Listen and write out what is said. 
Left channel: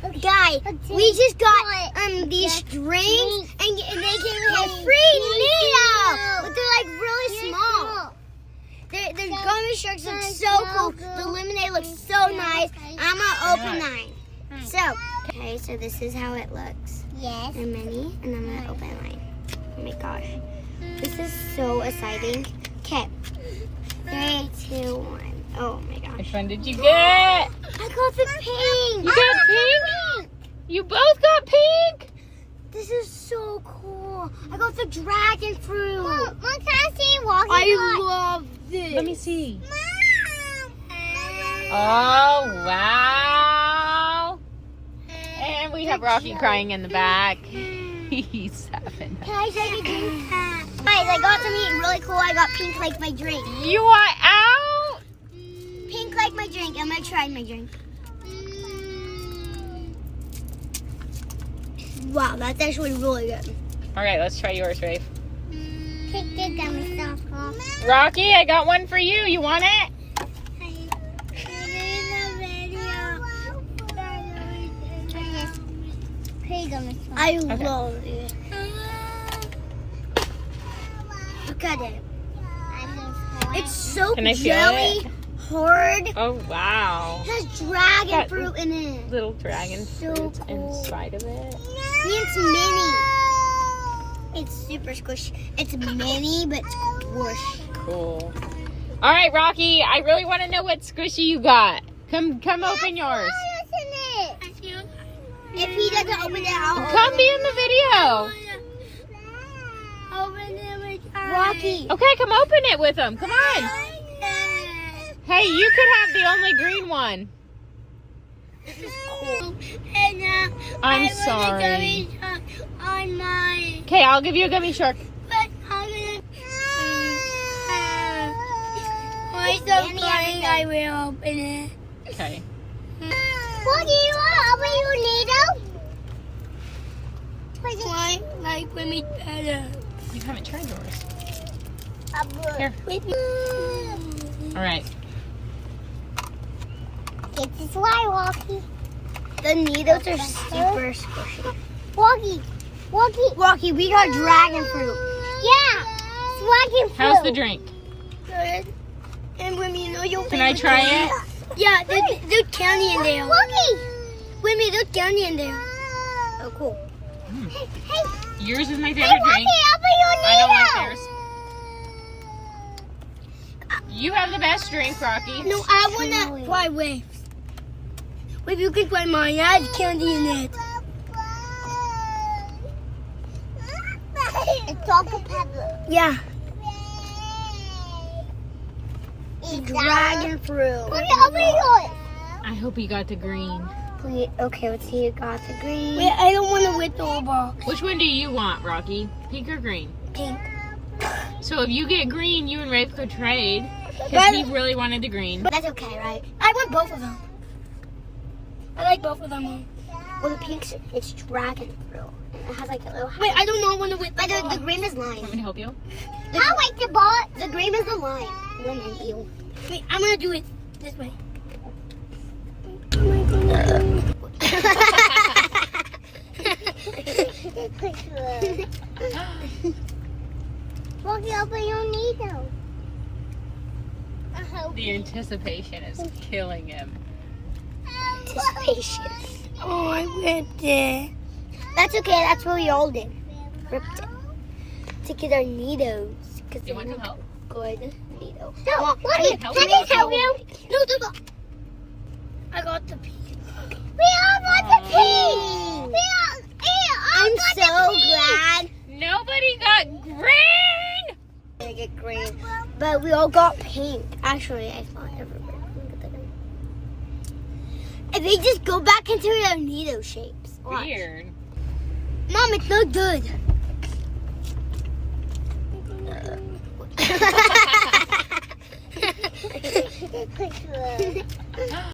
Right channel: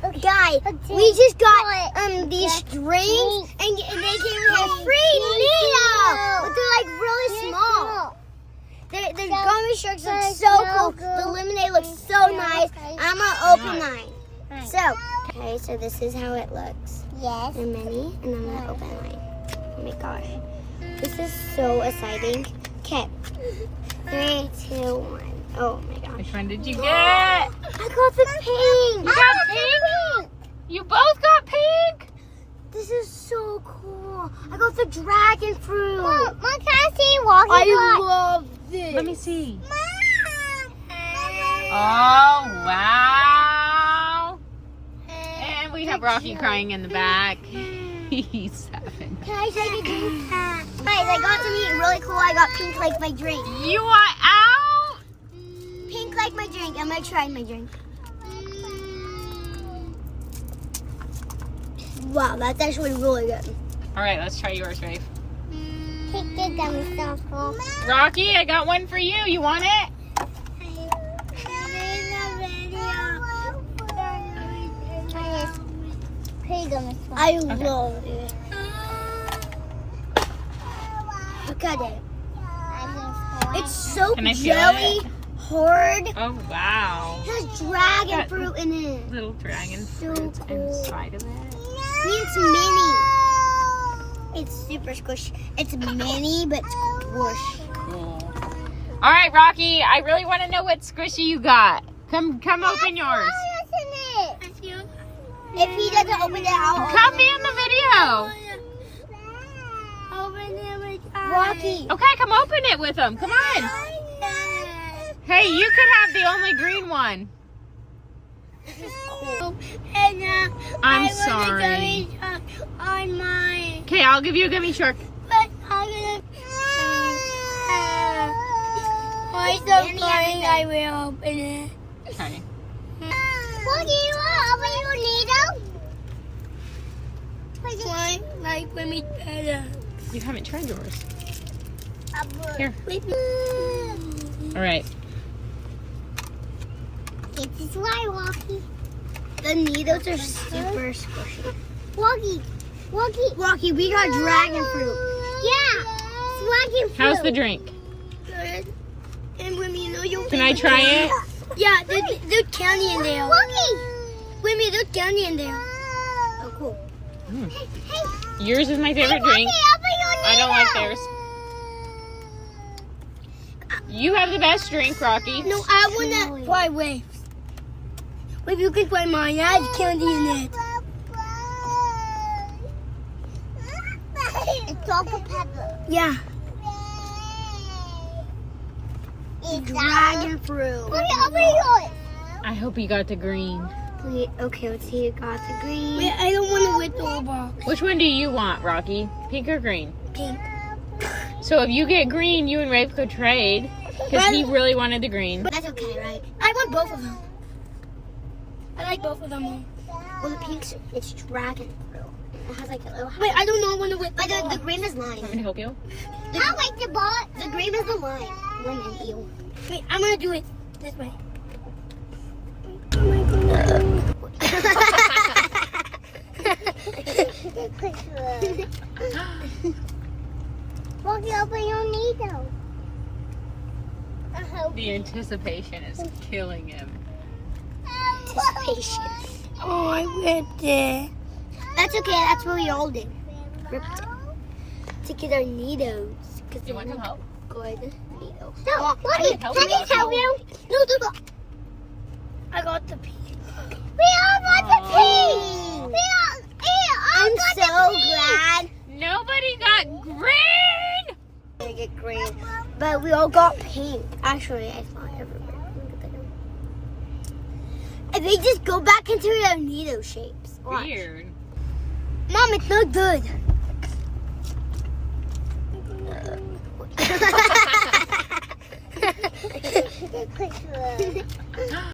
Guys, we just got these strings and they came with a free needle, but they're like really small. The gummy sharks look so cool. The lemonade looks so nice. I'm gonna open mine. So this is how it looks. Yes. They're mini, and I'm gonna open mine. Oh my gosh, this is so exciting. Okay, 3, 2, 1. Oh my gosh. Which one did you get? I got the pink. You got pink? You both got pink? This is so cool. I got the dragon fruit. Mom, can I see Walkie? I love this. Let me see. Mom. Oh, wow. And we have Rocky crying in the back. He's 7. Can I take a drink? Guys, I got something really cool. I got pink like my drink. You want out? Pink like my drink. I'm gonna try my drink. Wow, that's actually really good. All right, let's try yours, Rafe. Take the gummy stuff off. Rocky, I got one for you. You want it? I love it. Look at it. It's so Can I feel jelly it? hard. Oh, wow. It has dragon Got fruit in it. Little dragon So fruit cool. inside of it. It's mini. It's super squishy. It's mini, but squish. Cool. All right, Rocky, I really want to know what squishy you got. Come open yours. If he doesn't open it, I'll Come be in the video. open it with Rocky. Okay, come open it with him. Come on. Hey, you could have the only green one. And I'm sorry. On mine. Okay, I'll give you a gummy shark. But I'm gonna. I'm so crying. I will open it. Okay. What do you want? Open your needle? Why? Like when we better. You haven't tried yours. Here. With me. All right. This is why, Walkie. The needles are super squishy. Walkie. We got dragon fruit. Yeah. Dragon fruit. How's the drink? Good. And when you know you'll. Can I try it? Yeah, there's candy in there. Walkie. With me, there's candy in there. Oh, cool. Mm. Hey, Yours is my favorite Walkie, drink. open your needle. I don't like theirs. You have the best drink, Rocky. No, I wanna try waves. Wait, you can try mine. It has candy in it. It's Dr. Pepper. Yeah, It's dragon fruit. Open yours. I hope you got the green. Wait, okay, let's see. You got the green. Wait, I don't want to with the whole box. Which one do you want, Rocky? Pink or green? Pink. So if you get green, you and Rafe could trade. Because he really wanted the green. That's okay, right? I want both of them. I like both of them. Well, the pink's it's dragon fruit. It has like a little. Wait, I don't know when to with. The green is lime. Want me to help you? I like the ball. The green is the lime. Lemon, ew. Wait, I'm gonna do it this way. Oh my goodness. Walkie, open your needle. I hope. The anticipation is killing him. Anticipation. Oh, I ripped it. That's okay. That's what we all did. Ripped it. To get our needles. Do you want some help? Good needles. No, Walkie, help can me? I help you? No. I got the pink. We all got the pink. I'm so glad Nobody got green! I get green, but we all got pink. Actually, I thought everybody. And they just go back into their needle shapes. Watch. Weird. Mom, it's not good.